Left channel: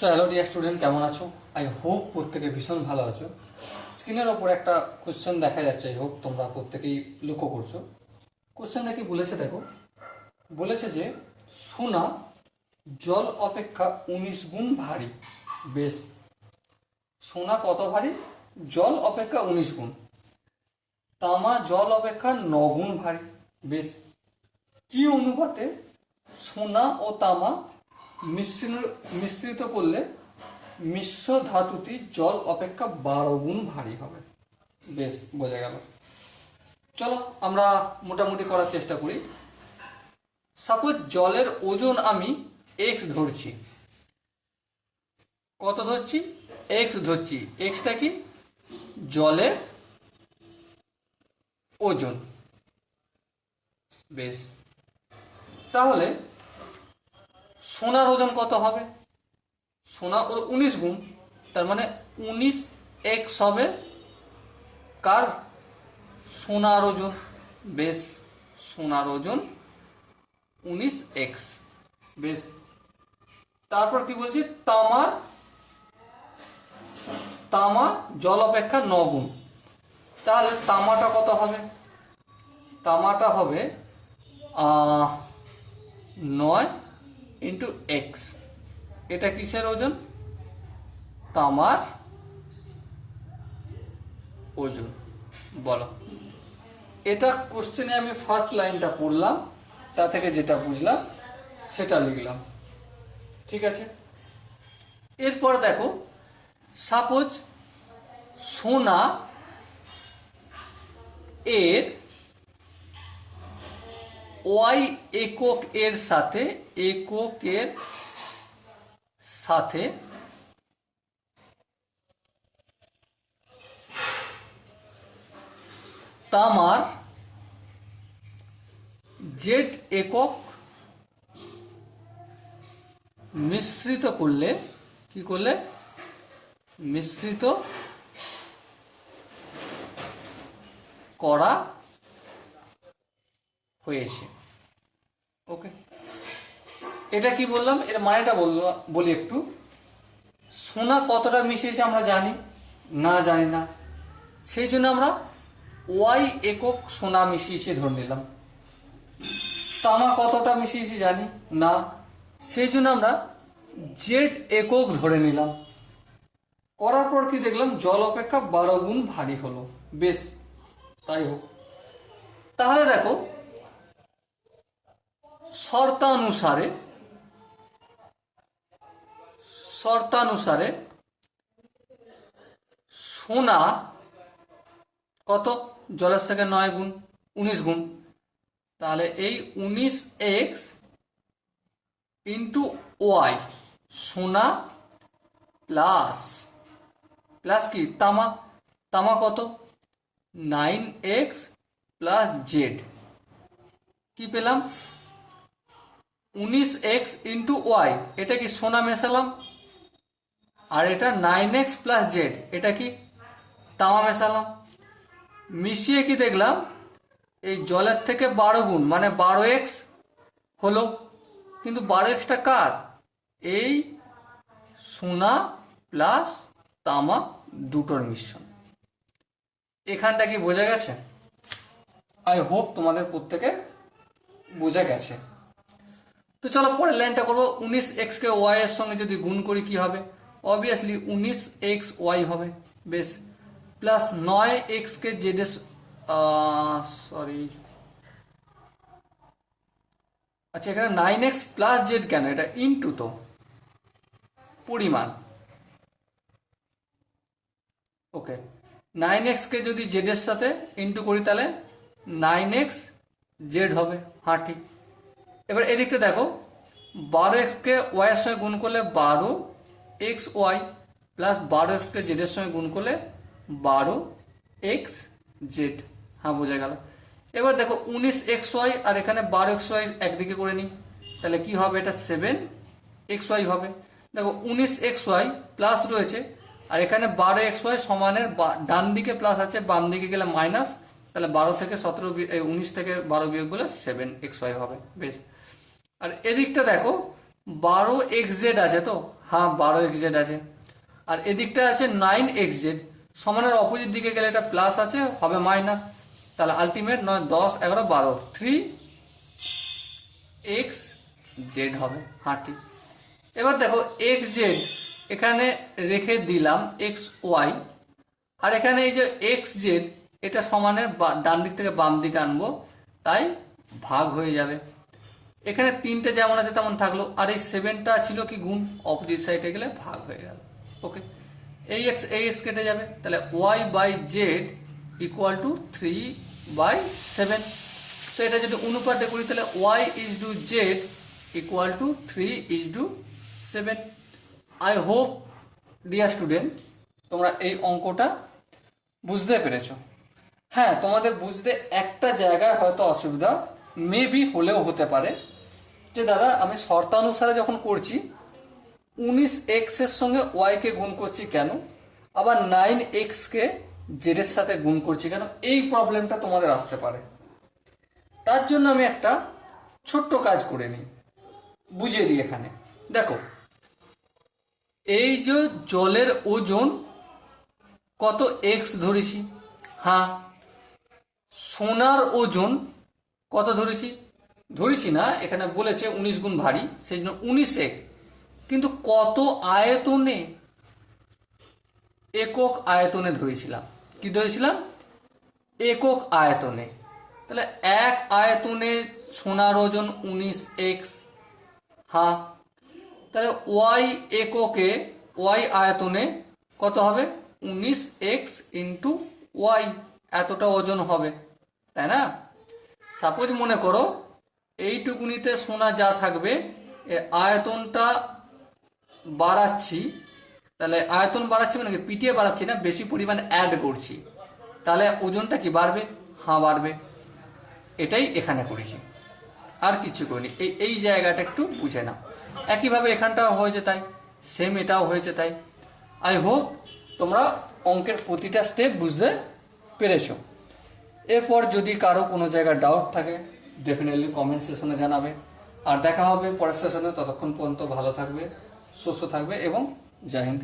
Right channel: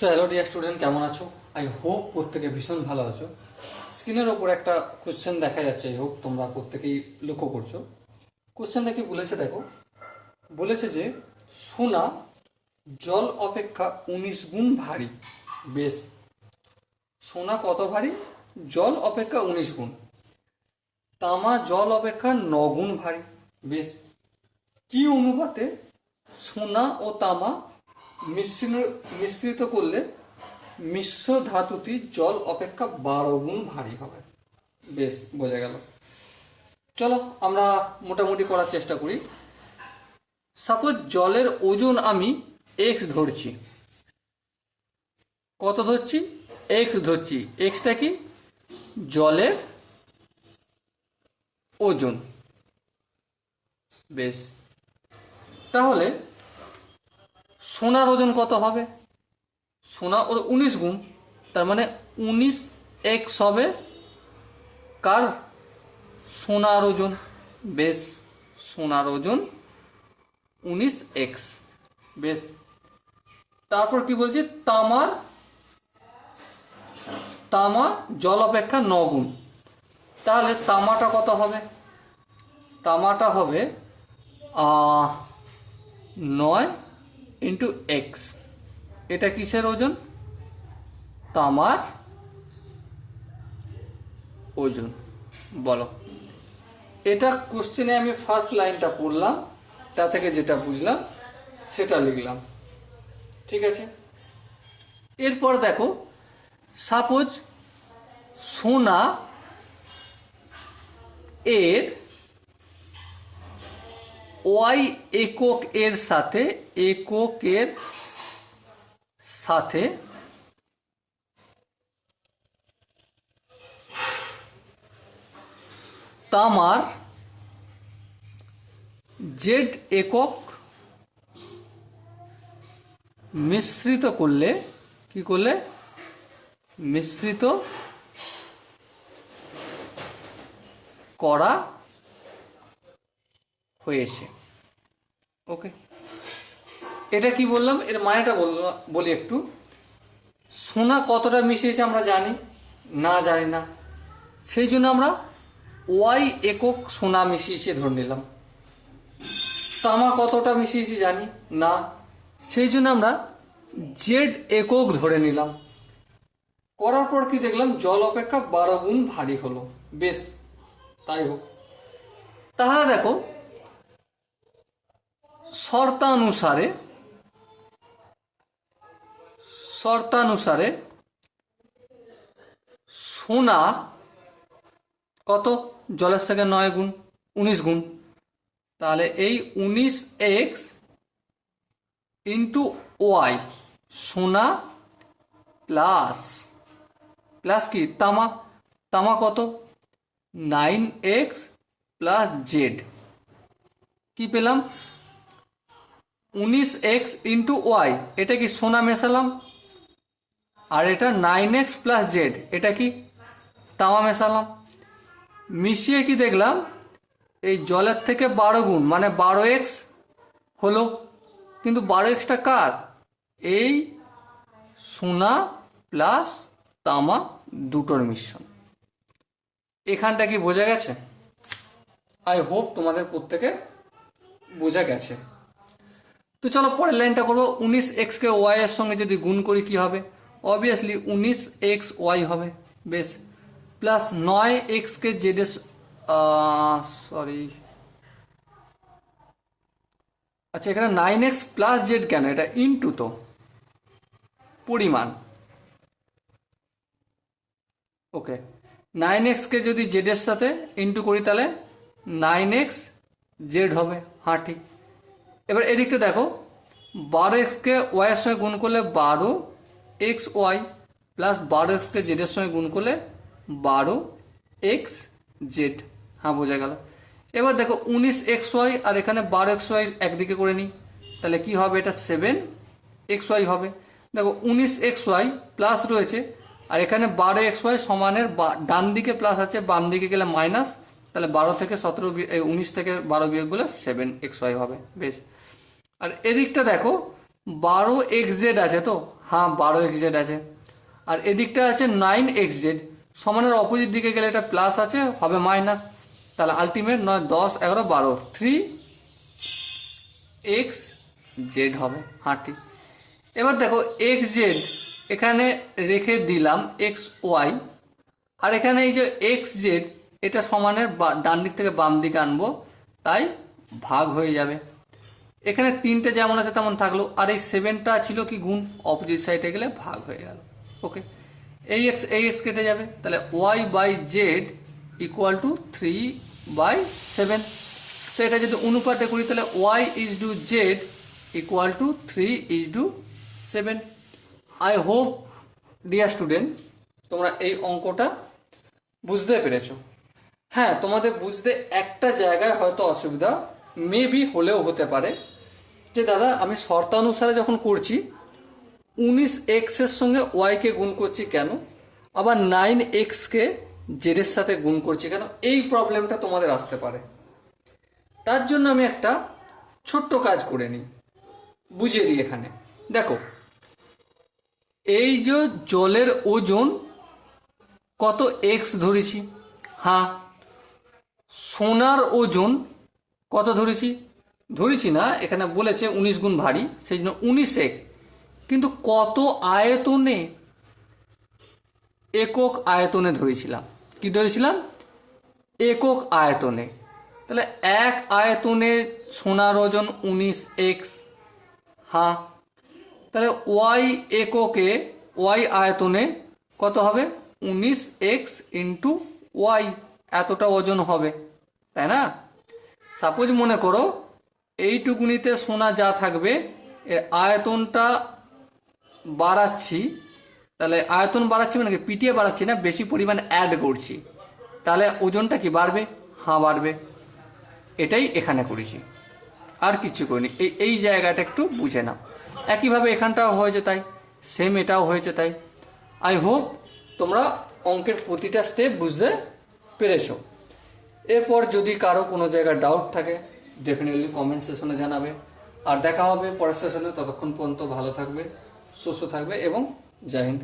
So hello dear student, কেমন আছো? I hope প্রত্যেকে ভীষণ ভালো আছো। স্ক্রিনের ওপর একটা কোশ্চেন দেখা যাচ্ছে, আই হোপ তোমরা প্রত্যেকেই লক্ষ্য করছো। কোশ্চেনটা কি বলেছে দেখো, বলেছে যে সোনা জল অপেক্ষা 19 গুণ ভারী। বেশ, সোনা কত ভারী? জল অপেক্ষা 19 গুণ। তামা জল অপেক্ষা 9 গুণ ভারী। বেশ, কি অনুপাতে সোনা ও তামা মিশ্রিত করলে মিশ্র ধাতুটি জল অপেক্ষা 12 গুণ ভারী হবে? বেশ, বোঝা গেল। চলো আমরা মোটামুটি করার চেষ্টা করি। সাপোজ জলের ওজন আমি এক্স ধরছি। কত ধরছি? এক্স ধরছি। এক্সটা কি? জলের ওজন। বেশ, তাহলে সোনার ওজন কত হবে? সোনা ওর 19 গুণ, তার মানে 19x হবে কার? সোনার ওজন। বেশ, সোনার ওজন 19x। বেশ, তারপর কি বলছি? তামা জল অপেক্ষা 9 গুণ। তাহলে তামাটা কত হবে? তামাটা হবে 9 ইন্টু এক্স। এটা কিসের ওজন? তামার ওজন। বলো, এটা কোশ্চেনে আমি ফার্স্ট লাইনটা পড়লাম, তা থেকে যেটা বুঝলাম সেটা লিখলাম। ঠিক আছে, এরপর দেখো, সাপোজ সোনা এর ওয়াই এককের সাথে তামার জেড একক মিশ্রিত করলে, কি করলে? মিশ্রিত করা হয়েছে। ওকে, এটা কি বললাম? এর মানেটা বলি একটু। সোনা কতটা মিশিয়েছে আমরা জানি না? জানি না। সেই জন্য আমরা ওয়াই একক সোনা মিশিয়েছে ধরে নিলাম। তামা কতটা মিশিয়েছি জানি না, সেই জন্য আমরা জেড একক ধরে নিলাম। করার পর কি দেখলাম? জল অপেক্ষা 12 গুণ ভারী হলো। বেশ, তাই হোক। তাহলে দেখো, শর্তানুসারে সোনা কত? জলের থেকে 9 গুণ, 19 গুণ। তাহলে এই 19x ইন্টু ওয়াই, সোনা প্লাস কি? তামা কত? 9x plus Z. কি পেলাম? 19x ইন্টু ওয়াই, এটা কি? সোনা মেশালাম। আর এটা 9x প্লাস জেড, এটা কি? তামা মেশালাম। মিশিয়ে কি দেখলাম? এই জলের থেকে 12 গুণ মানে 12x হলো। কিন্তু 12xটা কার? এই সোনা প্লাস তামা দুটোর মিশ্রণ। এখানটা কি বোঝা গেছে? আই হোপ তোমাদের প্রত্যেকে বোঝা গেছে। তো চলো পরের লাইনটা করবো। 19x কে ওয়াই এর সঙ্গে যদি গুণ করি কি হবে? অবভিয়াসলি 19x ওয়াই হবে। বেশ, প্লাস 9x কে জেড এর আচ্ছা, এখানে 9x প্লাস জেড কেন? এটা ইনটু তো পরিমাণ। ওকে, 9x কে যদি জেড এর সাথে ইনটু করি তাহলে 9x জেড হবে। হ্যাঁ, ঠিক। এবার এদিকটা দেখো, 12x কে ওয়াই এর সঙ্গে গুণ করলে 12x ওয়াই, প্লাস 12x কে জেড এর সঙ্গে গুণ করলে 12x জেড। হ্যাঁ, বোঝা গেল। এবার দেখো 19x ওয়াই আর এখানে 12x ওয়াই একদিকে করে নিই, তাহলে কি হবে? এটা 7x ওয়াই হবে। দেখো 19x ওয়াই প্লাস রয়েছে, আর এখানে 12x ওয়াই সমানের ডান দিকে প্লাস আছে, বাম দিকে গেলে মাইনাস, তাহলে 12 থেকে 19 থেকে 12 বিয়োগ করলে 7x ওয়াই হবে। বেশ, আর এদিকটা দেখো 12xz আছে তো, হ্যাঁ 12xz আছে। আর এদিকটা আছে 9xz, সমানের অপোজিট দিকে গেলে এটা প্লাস আছে, হবে মাইনাস। তাহলে আলটিমেট 9, 10, 11, 12, 3xz হবে। হ্যাঁ ঠিক। এবার দেখো xz এখানে রেখে দিলাম xy, আর এখানে এই যে xz এটা সমানের ডান দিক থেকে বাম দিকে আনবো, তাই ভাগ হয়ে যাবে। এখানে 3টে যেমন আছে তেমন থাকলো, আর এই 7টা ছিল কি গুণ, অপোজিট সাইডে গেলে ভাগ হয়ে গেল। ওকে, এই x কেটে যাবে, তাহলে y/z ইকুয়াল টু 3/7। তো এটা যদি অনুপাতে করি তাহলে y/z equal to 3/7। I hope dear student তোমরা এই অঙ্কটা বুঝতে পেরেছো। হ্যাঁ, তোমাদের বুঝতে একটা জায়গায় হয়তো অসুবিধা মেবি হলেও হতে পারে, যে দাদা আমি শর্তানুসারে যখন করছি 19x এর সঙ্গে y কে গুণ করছি কেন, আবার 9x কে z এর সাথে গুণ করছি কেন, এই প্রবলেমটা তোমাদের আসতে পারে। তার জন্য আমি একটা ছোট্ট কাজ করে নিই, বুঝিয়ে দিই। এখানে দেখো, এই যে জলের ওজন কত x ধরেছি, হ্যাঁ সোনার ওজন কত ধরেছি না, এখানে বলেছে 19 গুণ ভারী, সেই জন্য 19x, কিন্তু কত আয়তনে, একক আয়তনে ধরেছিলাম। কি ধরেছিলাম? একক আয়তনে। তাহলে এক আয়তনে সোনার ওজন 19x। হ্যাঁ, তাহলে y এককে, y আয়তনে কত হবে? 19x ইন্টু y, এতটা ওজন হবে, তাই না? সাপোজ মনে করো এইটুকুনিতে সোনা যা থাকবে এর আয়তনটা বাড়াচ্ছি, তাহলে আয়তন বাড়াচ্ছি মানে কি, পিটিয়ে বাড়াচ্ছি না, বেশি পরিমাণ অ্যাড করছি, তাহলে ওজনটা কি বাড়বে? হ্যাঁ বাড়বে। এটাই এখানে করেছি, আর কিছু করিনি। এই জায়গাটা একটু বুঝে নাও। একইভাবে এখানটাও হয়েছে তাই, সেম এটাও হয়েছে তাই। আই হোপ তোমরা অঙ্কের প্রতিটা স্টেপ বুঝতে পেরেছো। এরপর যদি কারো কোনো জায়গায় ডাউট থাকে ডেফিনেটলি কমেন্ট সেশনে জানাবে। আর দেখা হবে পরের সেশনে, ততক্ষণ পর্যন্ত ভালো থাকবে, সুস্থ থাকবে এবং জয় হিন্দ।